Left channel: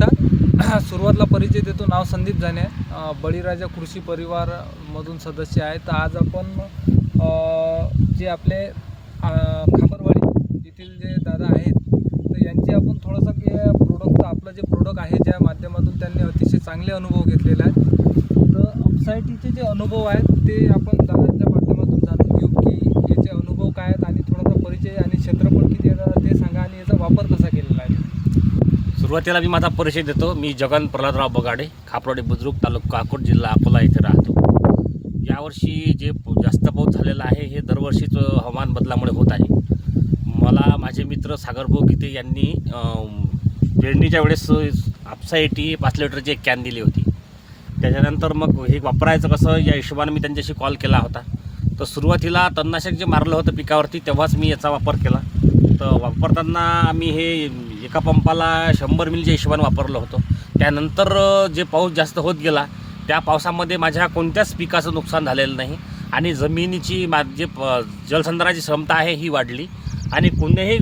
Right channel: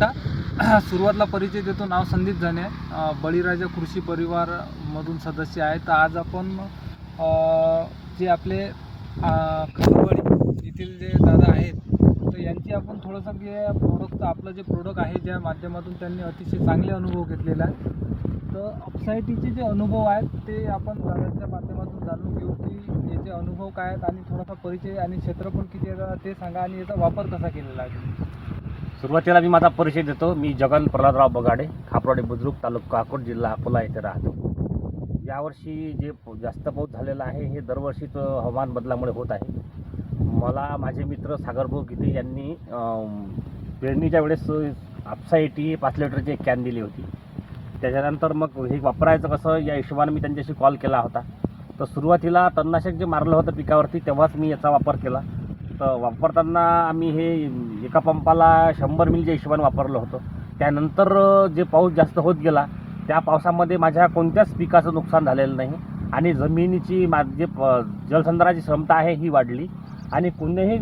नमस्कार. सुरुवातीला परिचय देतो. नाव संदीप जाने, बळीराजा कृषी परिवारमधून सदस्य आहे. तर आज आपण जे आपले खामरवाडी येथील जे दादा आहेत, तर यांची आपण थोडंसं की प्रोडक्टचं आपलं जे प्रोडक्ट आहे ज्या माध्यमातून त्यांनी अतिशय चांगले अनुभव घेतलेले आहेत. तर अपसायटीचे जे अनुभव आहेत ते आपण दादांच्या माध्यमातून जाणून घेऊ की याचे अनुभव काय आहेत आणि थोडासा परिचय आणि क्षेत्रफळ किती आहे ते सांगा आणि याचा वापर कसा केलेला आहे. सुरुवातीला मी माझा परिचय देतो. मी जगन प्रल्हादराव बगाडे, खापरवाडी बुद्रुक, तालुका अकोट, जिल्हा अकोला येथे राहतो. यावर्षी जे जास्त पाऊस झालेला आहे हे दरवर्षीच हवामान बदलामुळे होत आहे. मला माझे मित्र सागरभाऊ गीते यांनी पेरणीच्या वेळेस अपसाईटी 5 लिटरची एक कॅन दिली होती. त्याच्यानंतर मग हे वापरायचं कसं या हिशोबाने मी त्यांच्याशी कॉल केला होता. तर सुरुवातीला तणनाशक जे मारलं होतं पिकावरती तेव्हाच मी याचा वापर केला. तर वापरताना आम्ही हे एका पंपाला 100 मिलीच्या हिशोबाने वापरलं होतं. त्यानंतर जे पाऊस जास्त होत गेला त्या पावसामध्ये माझ्या कोणत्याच पिकाचं नुकसान झालेलं नाही आणि जमिनीची जे जलसंधारणाची क्षमता आहे ही वाढली आणि कोणत्याही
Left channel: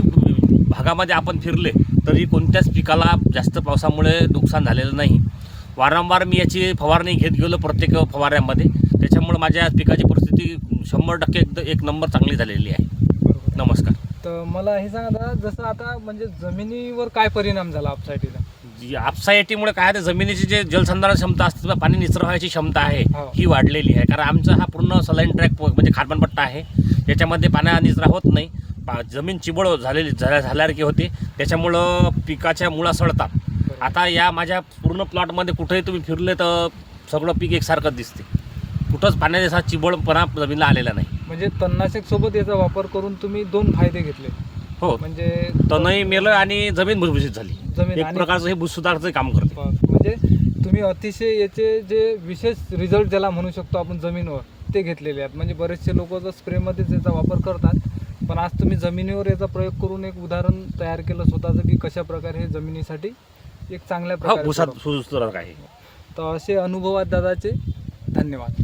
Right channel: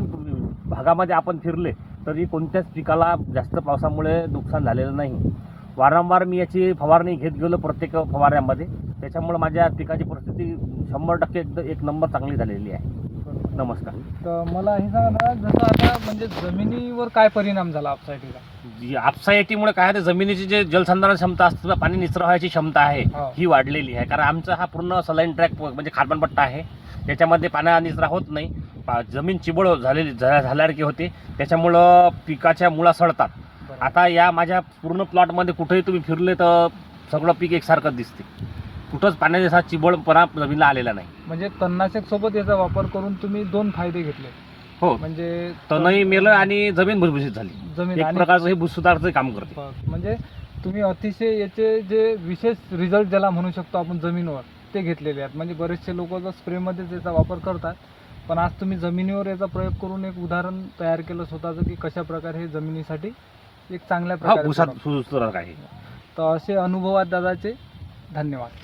भागामध्ये आपण फिरले तरी कोणत्याच पिकाला जास्त पावसामुळे नुकसान झालेलं नाही. वारंवार मी याची फवारणी घेत गेलो प्रत्येक फवाऱ्यामध्ये. त्याच्यामुळे माझ्या पिकाची परिस्थिती 100% एक नंबर चांगली झालेली आहे. नमस्कार. तर मला हे सांगा दादा, जसं आता म्हणजे जमिनीवर काय परिणाम झाला अपसायटीला? अपसायटीमुळे काय आहे, जमिनीची जे जलसंधारण क्षमता असते पाणी निचरावायची क्षमता आहे ही वाढलेली आहे. कारण आमचा हा पूर्ण सलाईन ट्रॅक म्हणजे कार्बन पट्टा आहे. याच्यामध्ये पाण्या निचरा होत नाही. जमीन चिबळ झाल्यासारखी होते. त्याच्यामुळं पिकाच्या मुळा सडतात. आता या माझ्या पूर्ण प्लॉटमध्ये कुठेही तुम्ही फिरले तर सगळं पीक एकसारखंच दिसते. कुठंच पाण्याचा चिबळपणा जमिनीला आलेला नाही. म्हणजे तणनाशक सोबत याचा वापर करून तुम्ही 2 फायदे घेतले. हो, म्हणजे तणही मेलं आणि जमीन भुसभुशीत झाली. जमीन एक प्रकारचं हे भुसुधारचं काम करते. म्हणजे तुम्ही अतिशय याचे जे विशेष रिझल्ट ज्याला म्हणू शकतो आपण जमिनीवर ते घेतलेले आहेत. म्हणजे बरेचसे लोक तर स्प्रेमध्येच याचा वापर करतात, पण आज तुम्ही जमिनीवर याचा प्रयोग करून एक उदाहरण तयार केलं स्वतःचं की कशा प्रकारे हे जमिनीसाठी एक चांगल्या प्रकारे आहे. तर असे अनुभव आहेत दादाचे. धन्यवाद.